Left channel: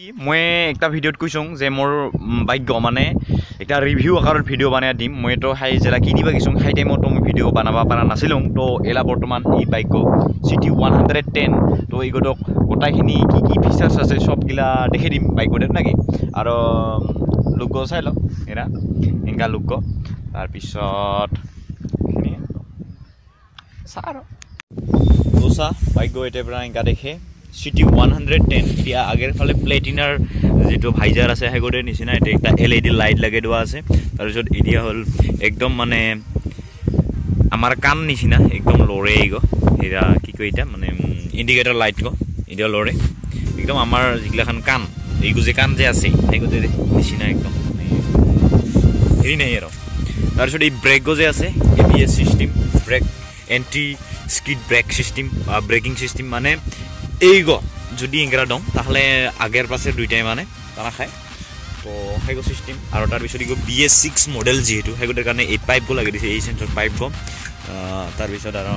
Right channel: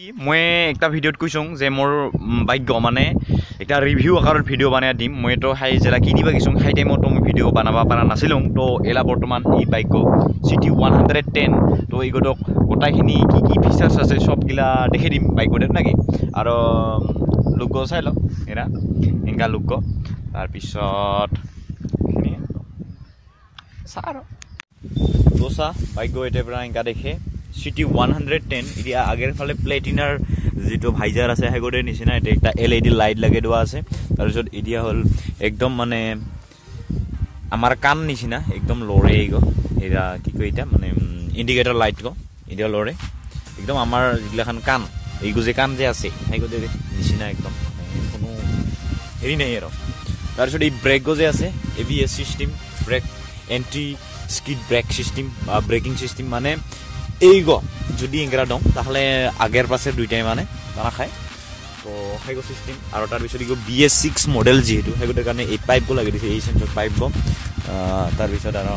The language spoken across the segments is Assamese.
মই একটা ভিডিওত কৈছোঁ যে মোৰ বাইক মানে একটা ৰিভিউ আকাৰত ভিডিঅ' বনাই দিম মই তো হাই যেলা কিনিবা গৈছোঁ হাই টাইমতো মই ভিডিঅ' বনাব পৰা নাছিলোঁ তো এলা বৰ্তমান এই বাইক CT 110 তো এইগতক গোটাইখিনি কি ফিচাৰ্ছ আছে সবগিলা দেখি দিম বাইকতে নাকি আৰু লুক চাই লওক এৰা এংকা লুক তাৰপিছত এইখিনি চা আৰু দোসা বাইক এটাৰ পৰা এংকা দেখে CT 110 এতিয়া আগেৰ ফালে প্লেটিনাৰ যেটো ভাইজাৰ আছে হেগোৰে নিচিনা এটা একটা LED লাইট লাগে দোৱা আছে তাৰপিছত এতিয়া হল একদম মানে আমাৰ কান নিচিনা একদম লৰে গো এৰা কি কই এটা মানে ইন্ডিকেটৰ লাইট গো এটা লৰে একদম আমাৰ জিগলাখান কান এইগো যে কান যে আছে হেগোতে নিচিনা একদম হেৰি নাই আৰু তাৰপিছত এই ব্ৰেক গো যে আছে ABS system brake anti skid brake system braking system মানে এইগো যদি ইংৰা দম তাহলে আগের পাশে দুইটাই মানে তারা খায় তো হেগো সিস্টেম আর তার পিছত ইগো BS6 মডেল যেহেতু হেগোটার কারণে এই পাইপ গো লাগি দিছে এই সেন্সর পাইপ গো তার পিছত আর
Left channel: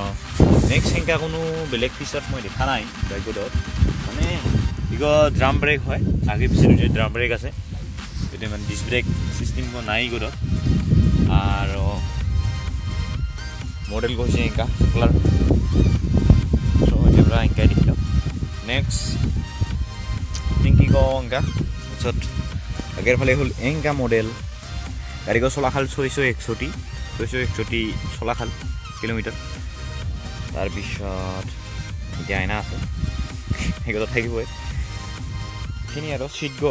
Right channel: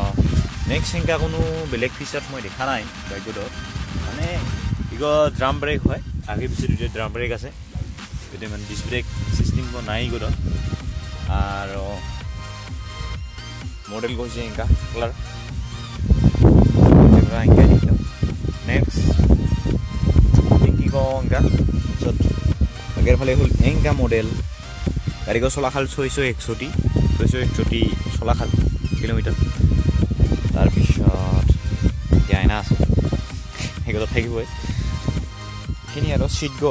নেক্সট হেঙ্কা কোনো বেলেগ ফিচার মই দেখা নাই বাইকত মানে ইগো ড্রাম ব্রেক হয় আগে পিছে দুইটা ড্রাম ব্রেক আছে এটা মানে ডিস্ক ব্রেক সিস্টেম গো নাই গো আর মডেল গো হচ্ছে হেঙ্কা কালার এটা হেঙ্কা দিলাম next টিংকি গো এংকা পিছত আগের ফালে হল এংকা মডেল গাড়ি গো চলাখাল 661 চলাখাল কিলোমিটার তাৰপিছত এতিয়া আইনা আছে হেগত থাকিবই খিনি আৰু সিট গো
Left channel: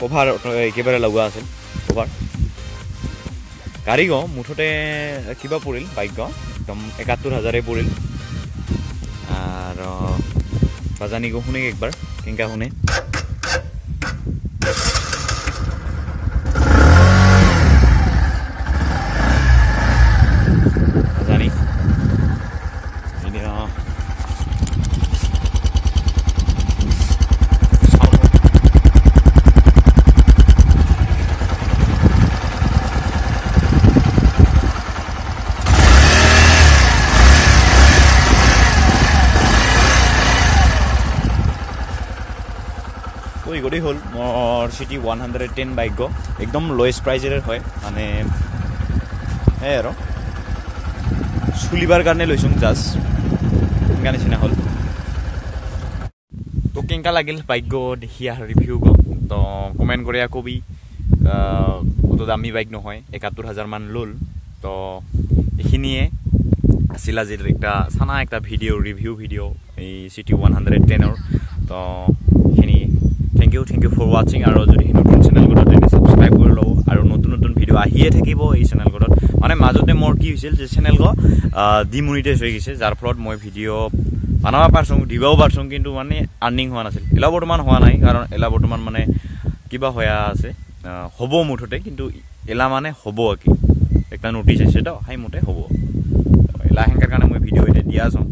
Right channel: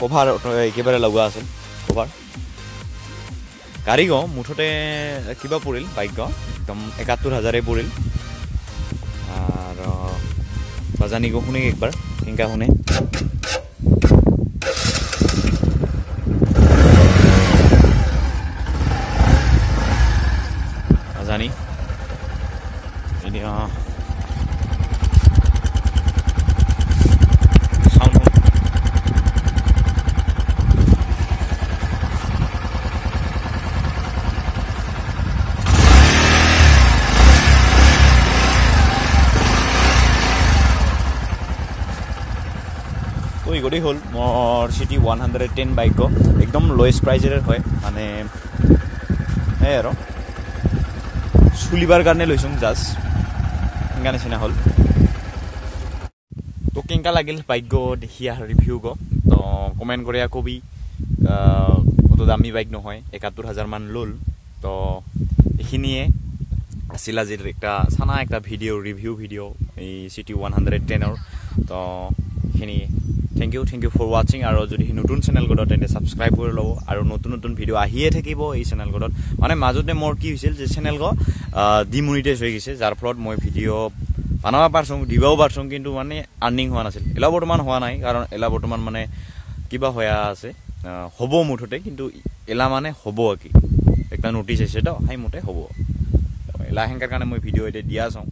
কভাৰ একেবাৰে লগা আছে কভাৰ গাড়ি গো মুঠতে কিবা পৰিল বাইক গো একদম 71000 পৰিল আৰু বাজানি গো শুনে একবার কেঙ্কা শুনে বাজানি গড়ি হল মোর CT 110 বাইক একদম লোয়েস্ট প্রাইজের হয় মানে এই আর চুলিবার কারণে লইছুং জাস্ট কেঙ্কা নিচিনা হল তো কেঙ্কা লাগিল বাইক দেখি আর রিভিউ তো কমেন্ট করে কবি কত দামি বাইক নহয় 71000 মান লল তো এইখিনিয়ে আছিল আজিৰ একটা সানা একটা ভিডিও রিভিউ ভিডিও এই CT 110 তো এইখিনি Thank you for watching আৰু যদি নতুন চ্যানেল গডত এনে সাবস্ক্ৰাইব কৰি লও আৰু নতুন ভিডিও আহিয়ে থাকিব এই চ্যানেল গডত মানে মাজতে মোৰ কি হৈছিল যে চ্যানেল গো ডিমনিটাইজ হৈ গৈছে যাৰ ফলত মই ভিডিও বানাবা পাৰছং দিবাও পাৰছং কিন্তু মানে আৰ্নিং হোৱা নাছিল এলা বৰ্তমান হোৱা নাই কাৰণ এলা বৰ্তমান মানে কিবা হোয়া আছে হ'ব মুঠতে কিন্তু এলা মানে হ'ব কি একটা নোটিস আছে তো হাই মুঠে হ'ব এলা হেংকাৰ কাৰণে মই ভিডিও এটা দিয়া আছো